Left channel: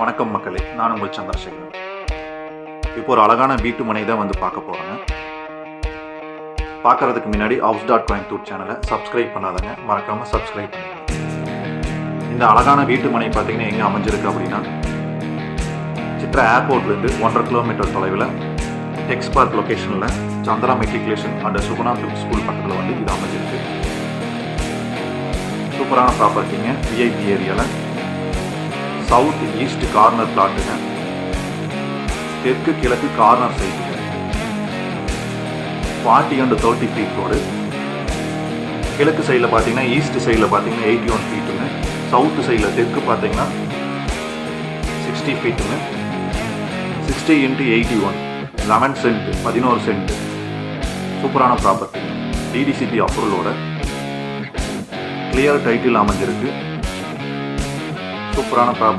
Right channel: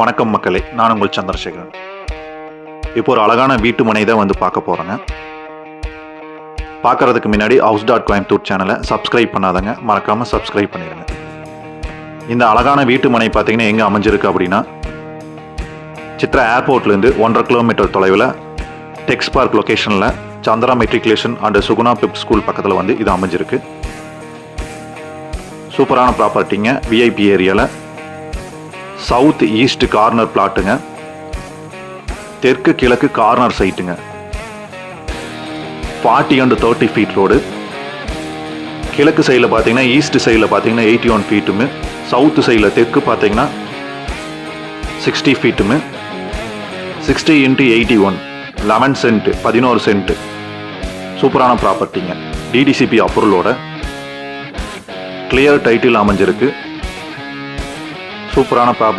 வணக்கம் மக்களே, நான் உங்கள் சந்திரசேகரன். இப்போ ஒரு அழகான வீட்டு மனை தான் வந்து பார்க்க போகிறேங்க. பார்க்கறதுக்கு முன்னாடி ஹவுஸ் டாட் கோயம்புத்தூர் சேனலை சப்ஸ்கிரைப் பண்ணாதங்க, மறக்காமல் சப்ஸ்கிரைப் பண்ணிடுங்க. இந்த அழகான வீட்டு மனை பார்த்தீங்கன்னா எங்கே அமைஞ்சிருக்கு அப்படின்னா, சித்ரா ஏர்போர்ட்லேருந்து 1.5 கிலோமீட்டர் தொலைவில் டெக்ஸ் பார்க் லொக்கேஷனில் Chandra matriculation and Suguna PIP school பக்கத்தில் வந்து இது அமைஞ்சிருக்கு. சூப்பரான ப்ராப்பர்ட்டிங்க. விஐபி ஏரியாவில் சவுத் ஈஸ்ட் கார்னர் பிளாட்டுங்க. தெற்கு கிழக்கு கார்னர் சைட்டுங்க. 40 and 30 ஃபீட் ரோடு. கிழக்கு சைடில் பார்த்தீங்கன்னா, ஈஸ்ட் சைடில் பார்த்தீங்கன்னா 81 ஃபீட்டுமே, சவுத்து சைடில் தெற்கு பார்த்தீங்கன்னா 60 ஃபீட்டுமே, 60 × 81 11 சென்ட் 11 சென்ட். சூப்பரான ப்ராப்பர்ட்டிங்க. டிடிசிபி அப்ரூவலோட கிளியர் டைட்டில் அமைஞ்சிருக்கு. சூப்பரான ப்ராப்பர்ட்டி.